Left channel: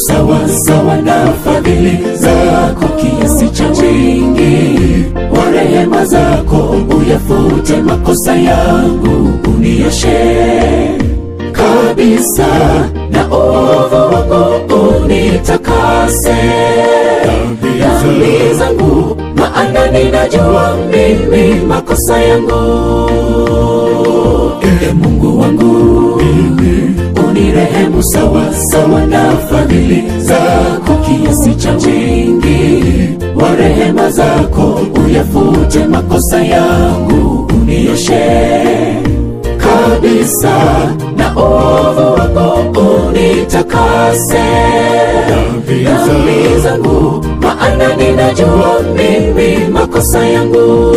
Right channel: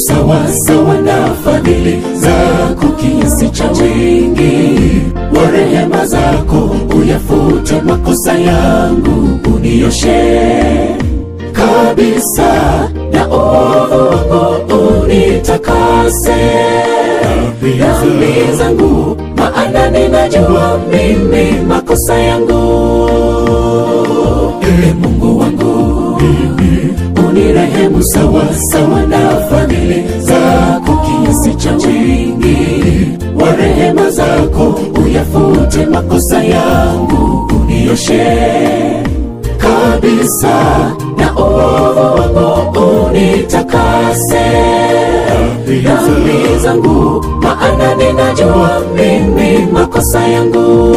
Sawa sawa na fadhili zako kiasi cha wingi wa rehema zako, uyafute makosa yangu, unioshe kabisa na ovu wangu, unitakase dhambi zangu, maana ninajua mimi makosa yangu. Mungu wangu, unirehemu sawa sawa na fadhili zako kiasi cha wingi wa rehema zako, uyafute makosa yangu, unioshe kabisa na ovu wangu, unitakase dhambi zangu, maana ninajua mimi makosa yangu.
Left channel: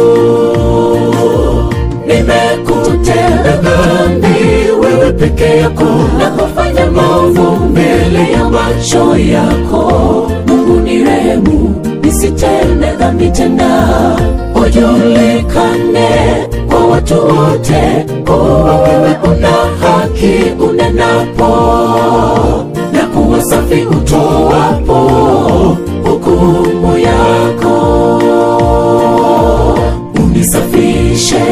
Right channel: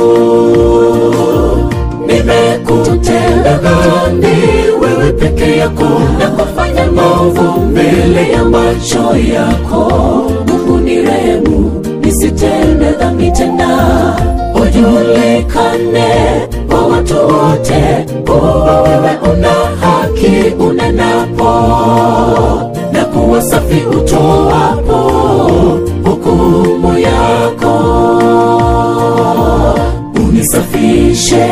Nimekutenda dhambi wewe peke yako, na kufanya maovu mbele ya macho yako. Mungu nirehemu, nisitende dhambi tena, ujulikane kwa watu wote kuwa wewe una haki unenapo, na kuwa safi utoapo hukumu yako. Unisafishe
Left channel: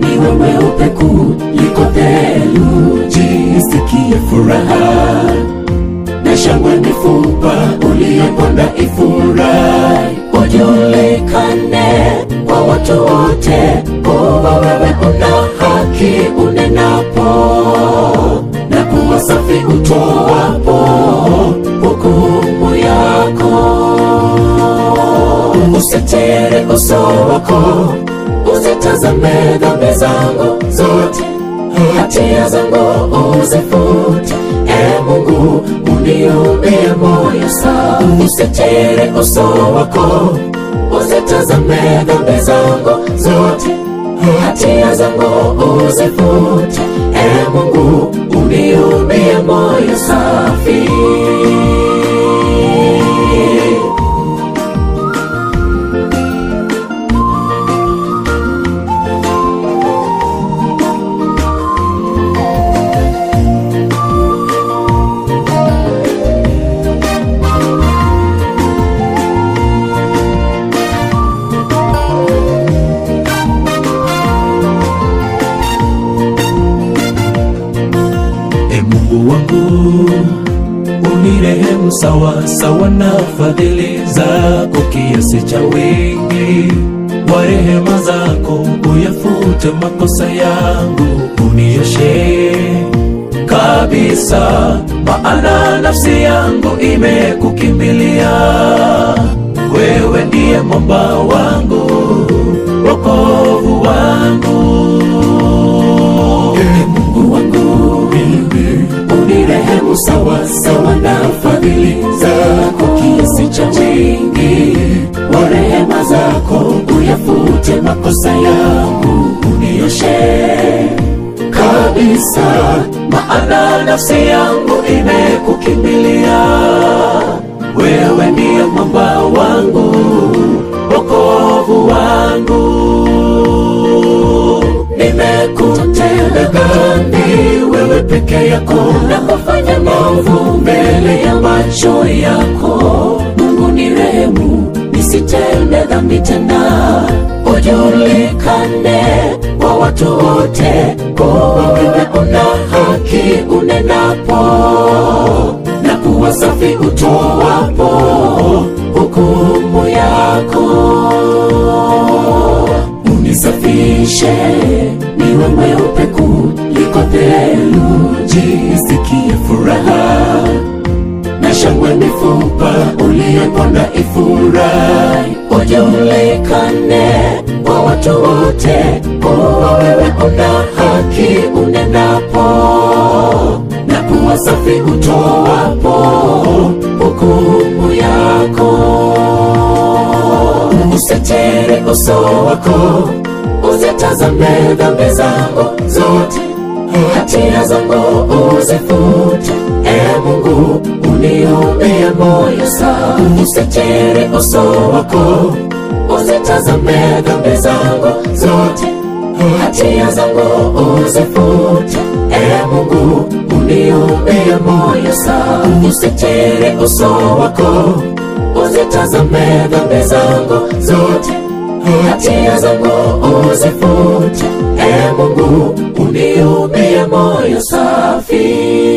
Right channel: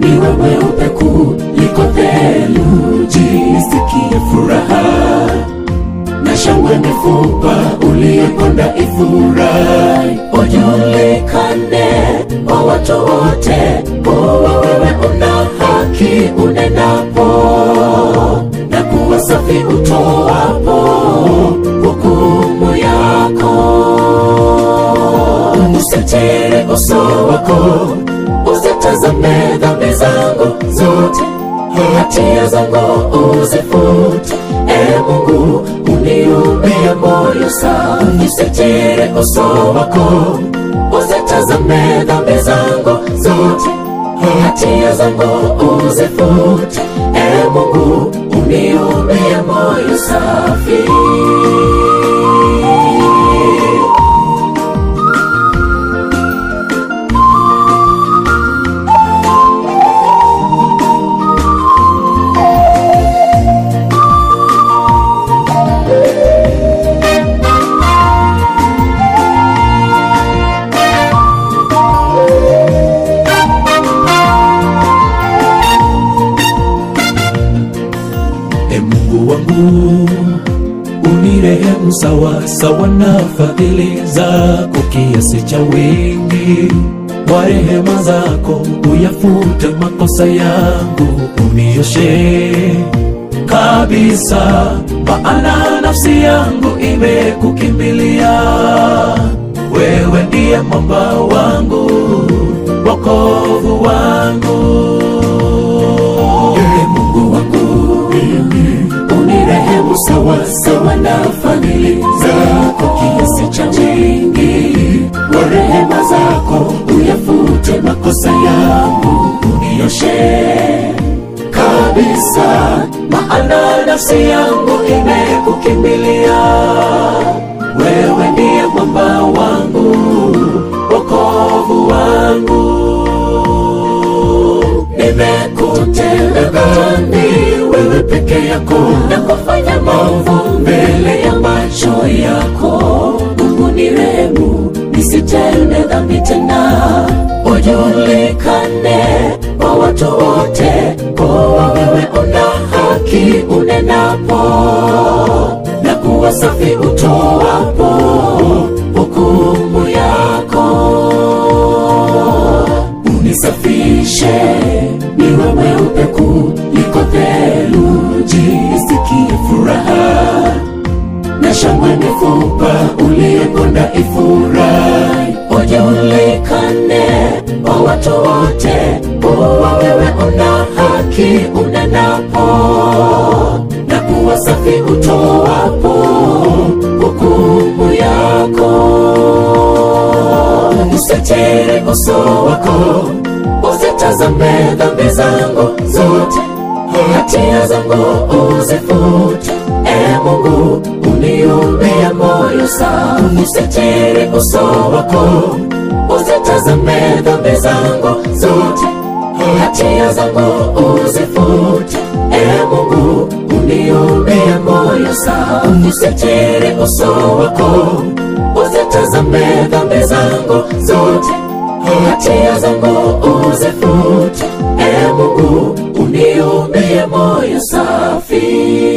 niwe mweupe kuliko theluji, nisikie furaha na shangwe mifupa uliyoponda ifurahi, ujulikane kwa watu wote kuwa wewe una haki unenapo, na kuwa safi utoapo hukumu yako. Usitere uso wako, usitazame dhambi zangu zote, hatia zangu uzifute. Mungu uniumbie moyo safi. Usitere uso wako, usitazame dhambi zangu zote, hatia zangu uzifute. Mungu uniumbie moyo safi. Mungu wangu, unirehemu sawa sawa na fadhili zako kiasi cha wingi wa rehema zako, uyafute makosa yangu, unioshe kabisa, maana nafsi yangu imekukimbilia. Wewe ndiye mwamba wangu, wokovu wangu. Mungu wangu, unirehemu sawa sawa na fadhili zako kiasi cha wingi wa rehema zako, uyafute makosa yangu, unioshe kabisa, maana nafsi yangu imekukimbilia. Wewe ndiye mwamba wangu, wokovu wangu. Nimekutenda dhambi wewe peke yako, na kufanya maovu mbele ya macho yako. Mungu nirehemu, nisitende dhambi tena, ujulikane kwa watu wote kuwa wewe una haki unenapo, na kuwa safi utoapo hukumu yako. Unisafishe niwe mweupe kuliko theluji, nisikie furaha na shangwe mifupa uliyoponda ifurahi, ujulikane kwa watu wote kuwa wewe una haki unenapo, na kuwa safi utoapo uzitazame dhambi zangu zote, hatia zangu uzifute. Mungu uniumbie moyo safi, usitiri uso wako, uzitazame dhambi zangu zote, hatia zangu uzifute. Mungu uniumbie moyo safi, usitiri uso wako, uzitazame dhambi zangu zote, hatia zangu uzifute. Mungu uniumbie moyo safi.